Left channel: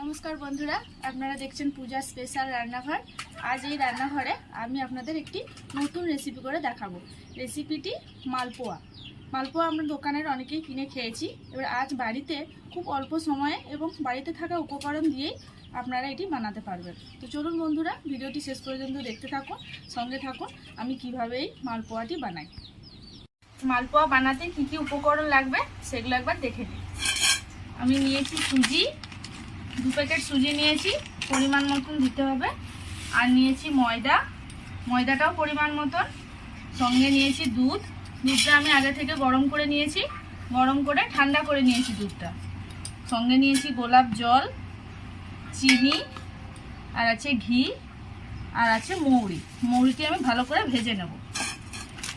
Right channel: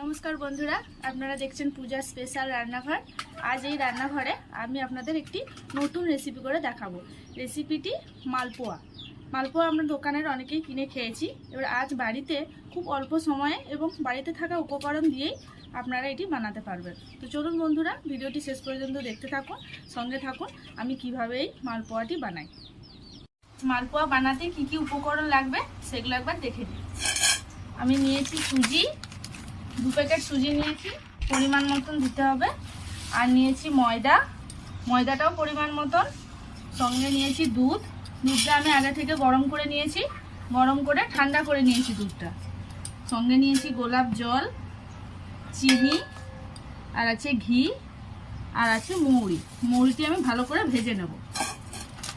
নমস্কার বন্ধুরা, আপনারা দেখছেন পূজা স্পেশাল রান্নাঘর। আজ এই রান্নাঘরে আমি আপনাদের একটি নতুন রেসিপি করে দেখাবো। রেসিপিটি মালপোয়া। মালপোয়া আমরা দোকানের অনেকেই কিনে খেয়েছি। এবার আজ বাড়িতে খুব অল্প সময়ে এবং বাড়িতে থাকা উপকরণ দিয়েই আপনারা এটি বানাতে পারবেন। তো চলুন বন্ধুরা, ভিডিওটি শেষ পর্যন্ত দেখতে থাকুন, সঙ্গে থাকুন, আমি কীভাবে এই মালপোয়াটি বানাই। মালপোয়া বানাতে কি কি উপকরণ লাগবে, সেগুলো একবার দেখে নিই। আমি নিয়েছি সুজি দু প্যাকেট সুজি নিয়েছি, পরিমাণ মতন দিতে হবে। আর নিয়েছি ময়দা। ময়দাটাও পরিমাণ মতন। সঙ্গে নিয়েছি দুধ। দুধটা আমি আগে থেকে গরম করে নিয়েছি। গরম করে ঠান্ডা করে নিয়েছি দুধটা। সঙ্গে নিয়েছি গোলাপ জল, চিনি, আর আছে ঘি, আর আছে মৌরি। মৌরিটি আমি ভালো করে ভেজে নেব।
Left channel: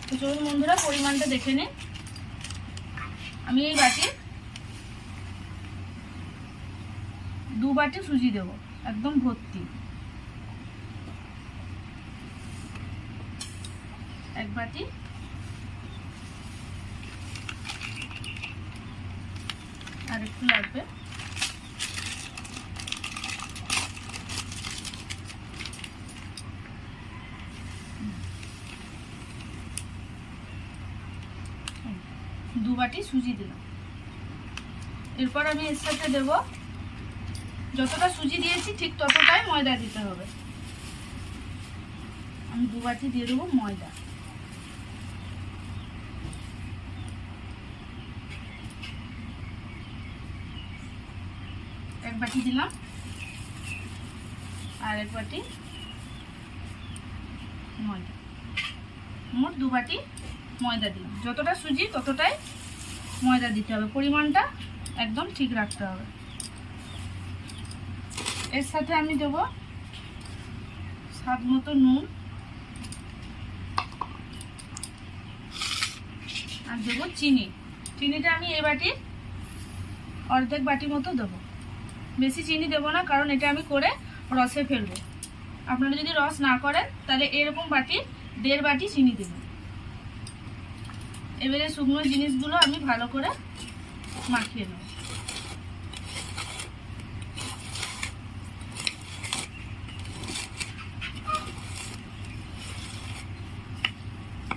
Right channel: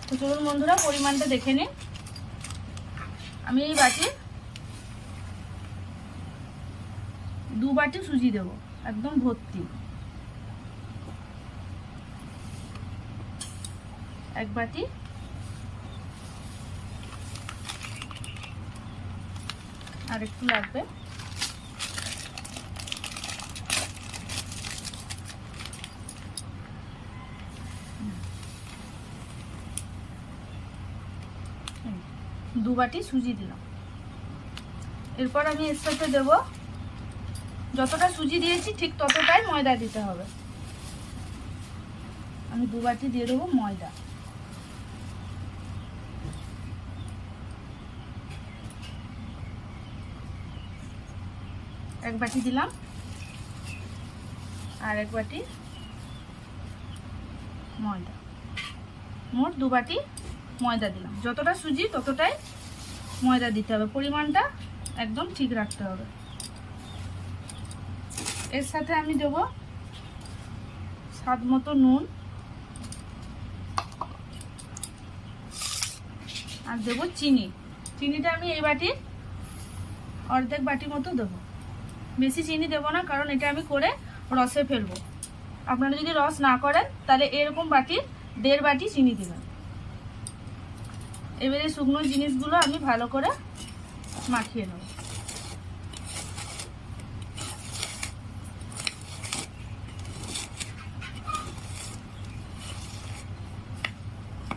তো চলুন বন্ধুরা, পরিমাণটা দেখে নিন আমি এই বাটির দু বাটি সুজি দেবো, একদম ভর্তি। এক বাটি। আর একটু লাগবে। দু বাটি সুজি দিলাম। এরপর আমি এর সাথে দেবো যতটা সুজি দিয়েছি, ঠিক ততটাই ময়দা দিতে হবে। আমি দু বাটি দিয়ে দেবো ময়দা। এক বাটি দিলাম। আর এক বাটি ময়দা। মোট দু বাটি ময়দা দিলাম। যতটা সুজি ততটাই ময়দা দিতে হবে। পরিমাণটা একদম ঠিক রাখতে হবে। এর সাথে আমি দেব স্বাদ মতো নুন। আর দেবো চিনি। চিনিটা আমি এই বাটির অর্ধেক বাটি মতো দেবো। বেশি চিনি দেবো না, কারণ এটা আমি করে রসে ফেলব। আপনারা যদি রস না করেন, তাহলে এরকম বাটি, দেড় বাটি চিনি দেবেন। এবারে শুকনো জিনিসগুলো আমি ভালো করে মাখিয়ে নেব।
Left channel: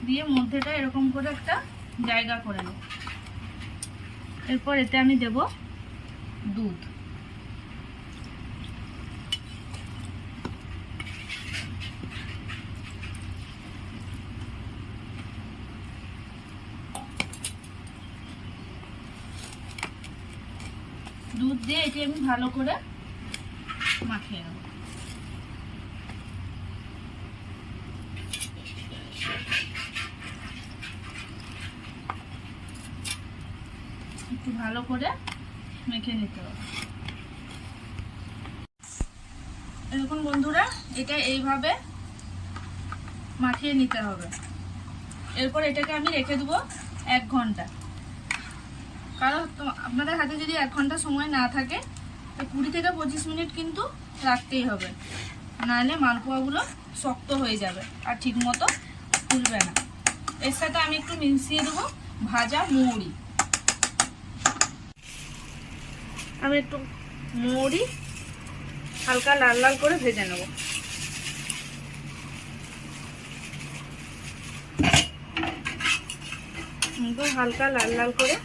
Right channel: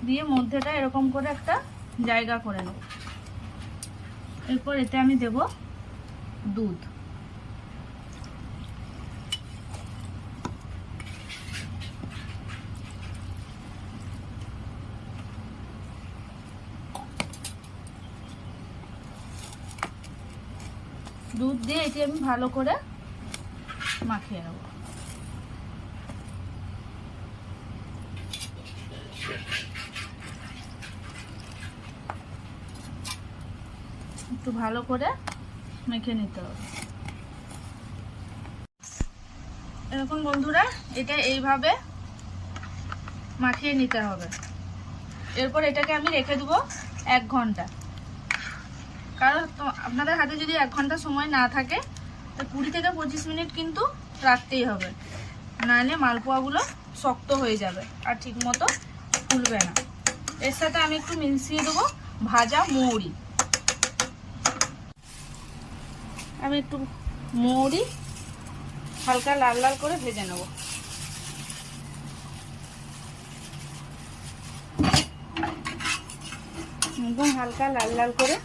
দিয়ে মধ্যেটা এরকম করে একটা জায়গা করে নেব। এরপর এতে আমি দেব দুধ। দুধ দিয়ে এটি আমি ভালো করে মাখিয়ে নেব। একটু ভালো করে মেখে নিতে হবে। এরকম বন্ধুরা, এটা এইভাবে মাখিয়ে নিতে হবে। এরপর এটাকে আমি রেখে দেবো এক ঘণ্টা। কারণ আপনাদের হাতে যদি এক ঘণ্টা সময় না থাকে, তো কুড়ি থেকে পঁচিশ মিনিট কিন্তু রাখতেই হবে। নাহলে মালপোয়াগুলো শক্ত হয়ে যাবে আর ঠিক মতো ফুলবে না। এর সাথে আমি একটু মিশিয়ে দেবো ভাজা মৌরি। আমি একটু মৌরি হালকা লাল লাল করে ভেজে নেব। একদম হালকা লাল লাল করে।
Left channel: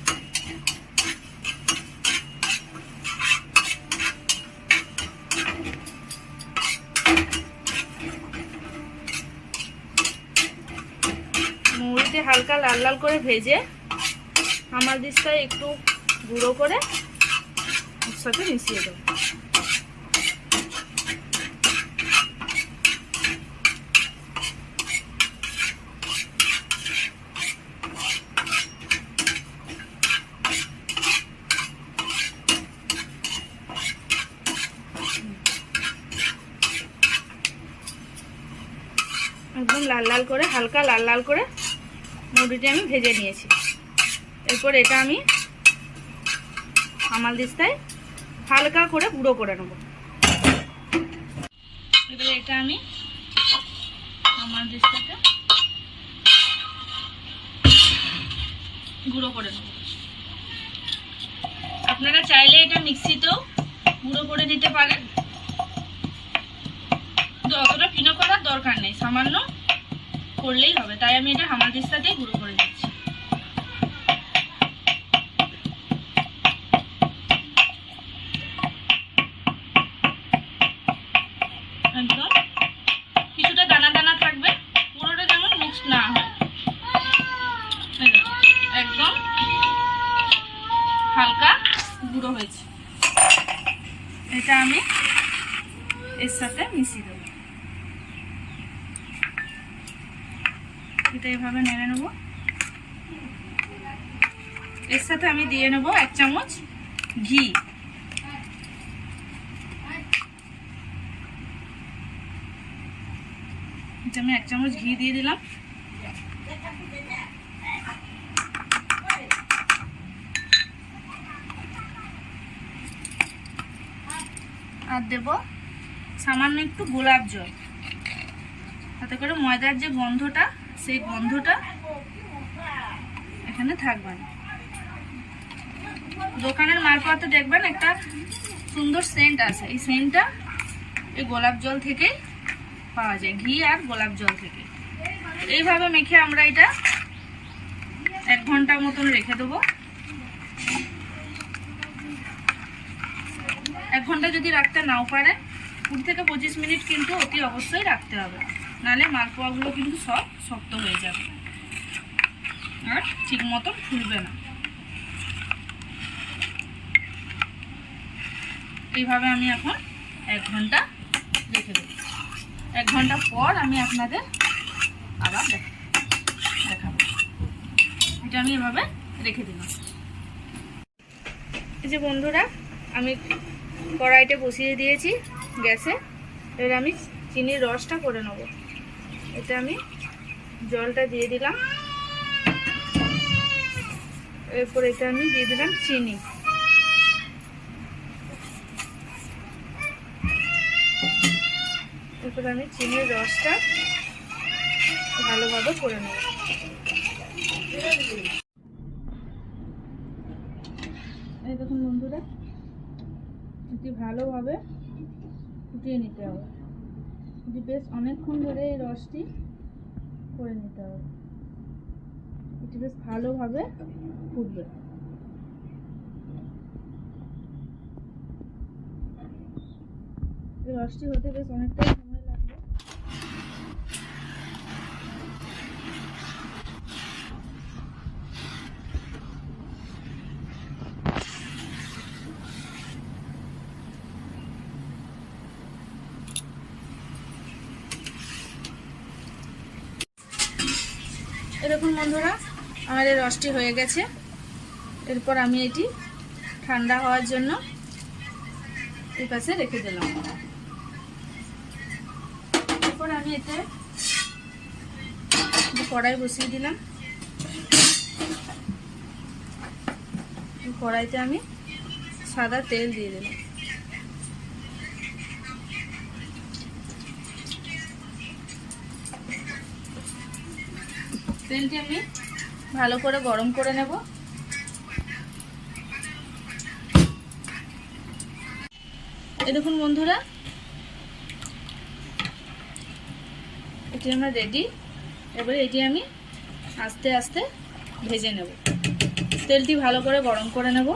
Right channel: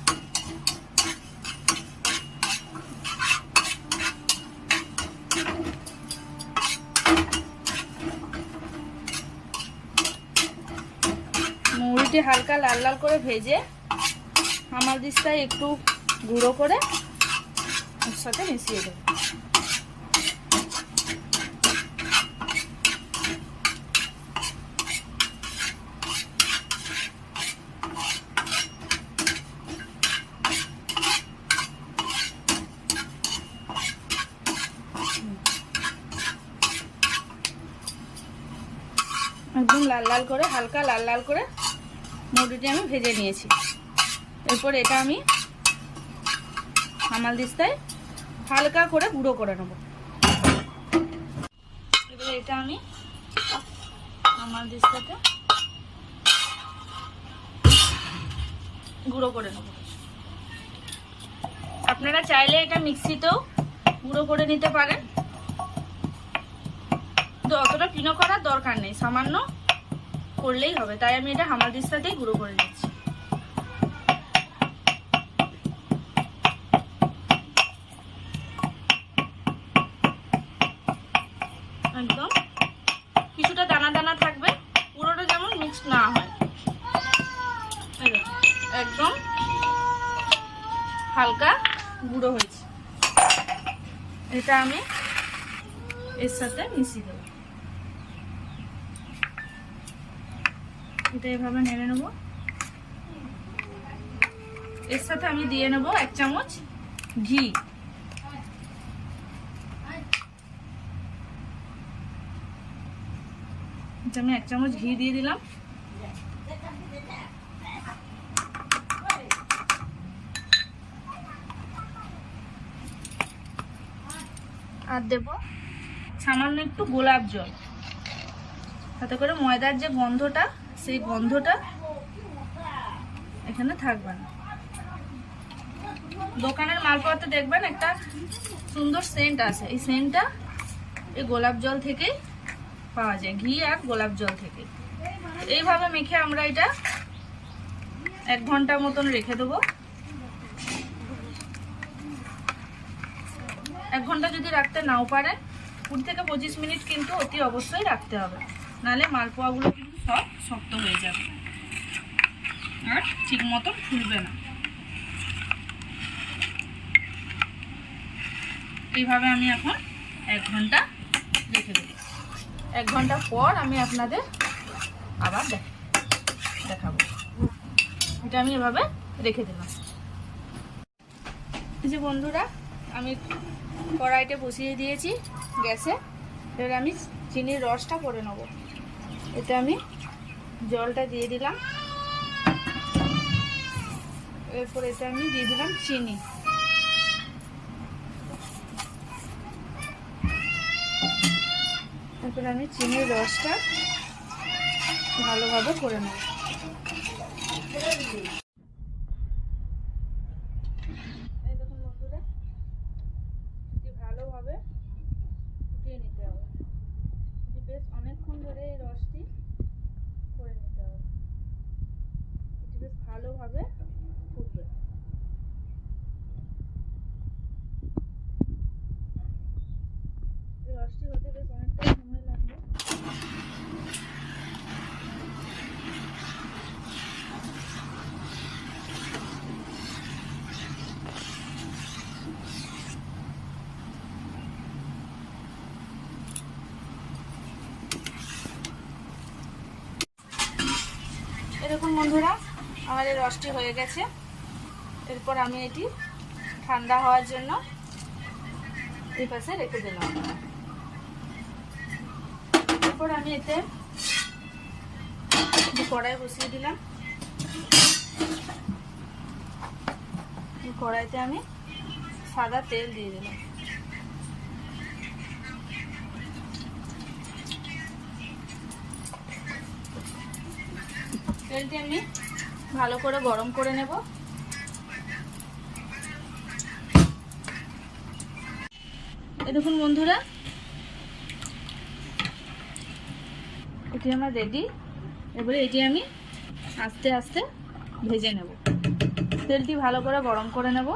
মৌরিটি হালকা লাল লাল করে ভেজে আমার দিকটায় একটু গুঁড়ো করে ওর সাথে মিশিয়ে একদম লাল লাল করে, হালকা লাল লাল করে মুড়িটি আমি ভেজে নিয়েছি। এরপর এটা আমি হামাল দিস্তায় হালকা করে গুঁড়ো করে নেব। এবারে এটা আমি হামাল দিস্তাতে গুঁড়ো করে নেব। আপনারা চাইলে এটা মিক্সিতেও গুঁড়ো করে নিতে পারেন। কিন্তু অতটা পিনো করার দরকার নেই, সামান্য করলেই হবে। তাই আমি এটা হামাদিস্তাতেই গুঁড়ো করে নিচ্ছি একদম কিছুটা দানা দানা থাকবে পুরোটা যেমন মিক্সড না হয় এই দেখুন, একদম হালকা গুঁড়ো হয়েছে। এটা আমি এর সাথে মিশিয়ে দেবো। এটা এভাবে নেড়ে নেব। এর সাথে আমি দিয়ে নেব এক চামচ ঘি। এটা আমি এক চামচ ঘি দিয়ে দিলাম। আর দেব সামান্য একটু গোলাপ জল। তাতে করে ময়দার যে গন্ধটা, সেই গন্ধটা এখানে থাকবে না। দোকানের মালপোয়াতে দেখবেন একটা সুন্দর সেন্ট আছে। এই সেন্টটা এই গোলাপ জল থেকে পাওয়া যায়, ঘি আর গোলাপ জল থেকে এইভাবে মেখে আমরা এটা এক ঘণ্টা মতন রেখে দেবো। এক ঘণ্টা যদি রাখতে নাও পারে, কুড়ি থেকে পঁচিশ মিনিট কিন্তু অতি অবশ্যই রাখতে হবে। নাহলে মালপোয়াগুলো কিন্তু সব শক্ত হয়ে যাবে। আর ঠিক মতন ফুলবে না। এইভাবে আমি এখন এক ঘণ্টা রেখে দেবো। এক ঘণ্টা পর আমি আপনাদের আবার দেখ- দেখাবো। এটা আমি এভাবে রেখে দিলাম। এই যে বন্ধুরা আমি কড়াইটা বসিয়ে দিয়েছি গ্যাসে। এবার আমি চিনির রসটা করে নেব। এটা আমি জলটা দিয়ে দিলাম। এরপর এটা আমি দিয়ে দিলাম চিনি। এরপর আমি চিনির রসটা ভালোভাবে করে নেব এই দেখুন বন্ধুরা এটি ভালোভাবে ফুটিয়ে নিতে হবে। যে বেশ অনেকক্ষণ ধরে এই রসটি করে নিতে হবে। এটি বেশ ভালোভাবে ফুটবে। রসটি হতে বেশ অনেকটাই সময় লাগবে। এরকম বন্ধুরা, আমাদের রসটি হয়ে গেছে। এরপর আমি এটি ঠান্ডা হওয়ার জন্য এই পাশে রেখে দিলাম এরপর আমি এতে কড়াই বসিয়ে দিলাম। কড়াইতে আমি সাদা তেল দিয়ে দিলাম। তেলটি আমি ভালো করে গরম করে নেব। এ দেখুন বন্ধুরা, এটি আমার রেডি এবারে এটি আমি আস্তে আস্তে ভেজে নেব। তেলটি ভালো করে গরম করে নেব।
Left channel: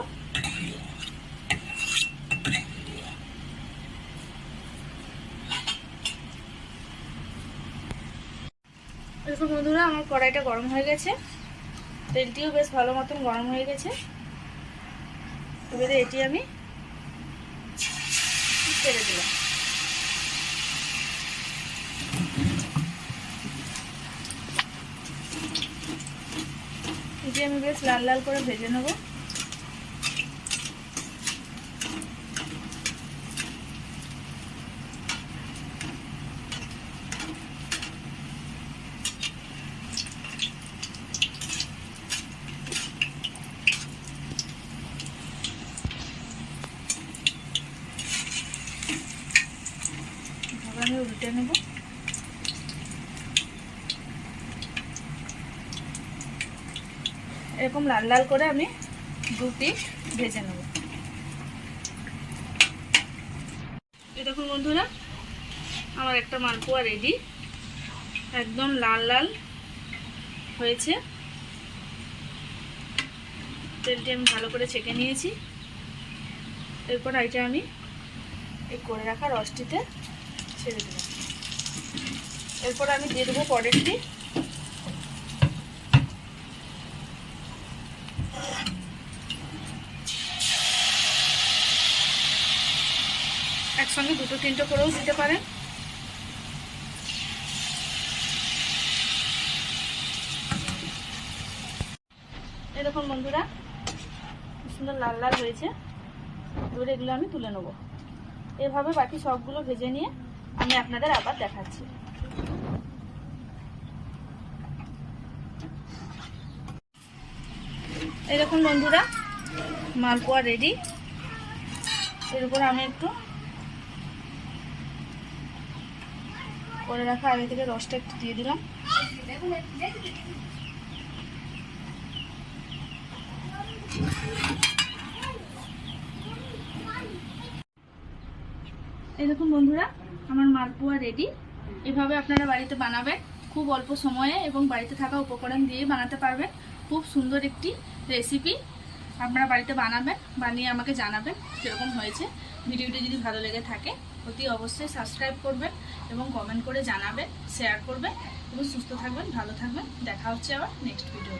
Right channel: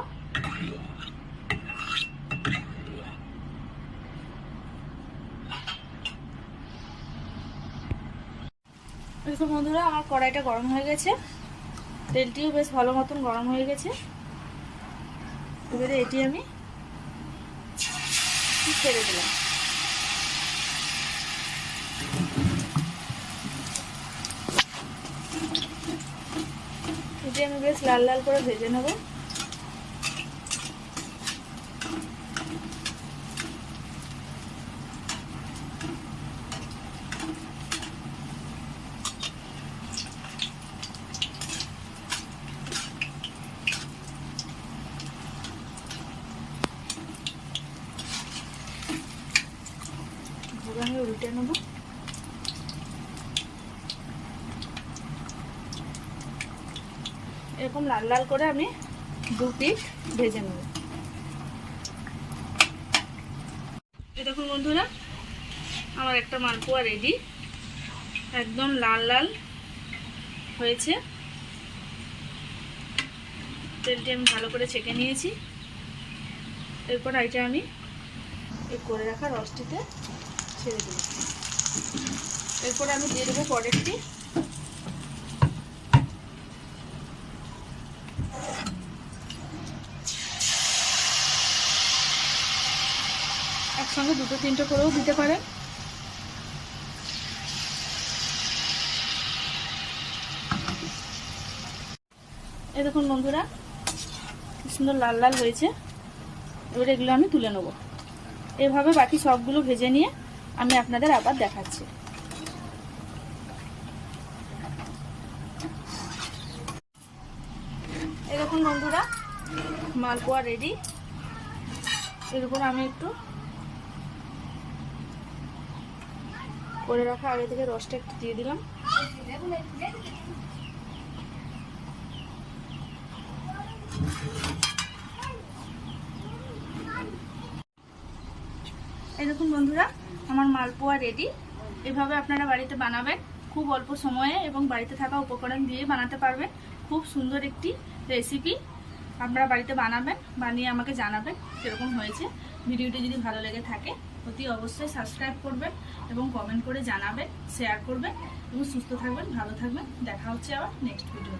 দেখুন বন্ধুরা, আমার কড়াইটা গরম হয়ে গেছে। তেলটিও বেশ ভালো মতন গরম হয়ে গেছে। এবারে এটি আমি ছেড়ে দিলাম এটি আমি বেশ লাল লাল করে ভেজে নেব এবার আমি উল্টে নেব এরকম লাল লাল করে আমি দু পিস ভেজে নেব। দেখুন বন্ধুরা, আমার একটা মালপোয়া রেডি একদম লাল লাল হয়েছে। তেলটি আমি ভালো করে ছেঁকে নিয়েছি। এরপর এইটা আমি এই করে রাখা রসটিতে ছেড়ে দেবো। এরপর আমি দিয়ে দেবো পরেরটি তিনটে করেও দিতে পারেন। এরকম বন্ধুরা সুন্দর লাল লাল হয়েছে। এবার এগুলো আমি তুলে নেব। এভাবে বাকি সবগুলো ভেজে নিয়ে আমি আপনাদের আবার দেখাচ্ছি। এরকম বন্ধুরা, মালপোয়া রেডি এর উপর আমি একটু করে রাখা আগে থেকে রসটা একটু দিয়ে দিলাম। এই দেখুন বন্ধুরা, আমার মালপোয়া রেডি এভাবে আপনারা বাড়িতে বানাবেন। খুব অল্প সময়ে এবং বাড়িতে থাকা উপকরণ দিয়ে বানাতে পারবেন। খুব সুন্দর একটি রেসিপি আপনারা বাড়িতে বানাবেন, বানিয়ে আমাকে জানাবেন কীরকম হয়েছে। ভিডিওটি যদি ভালো লেগে থাকে অতি অবশ্যই সাবস্ক্রাইব করবেন এবং কমেন্ট করে জানাবেন শেয়ার করবেন এবং সুস্থ থাকবেন, ভালো থাকবেন। দেখা হচ্ছে আবার নেক্সট ভিডিওতে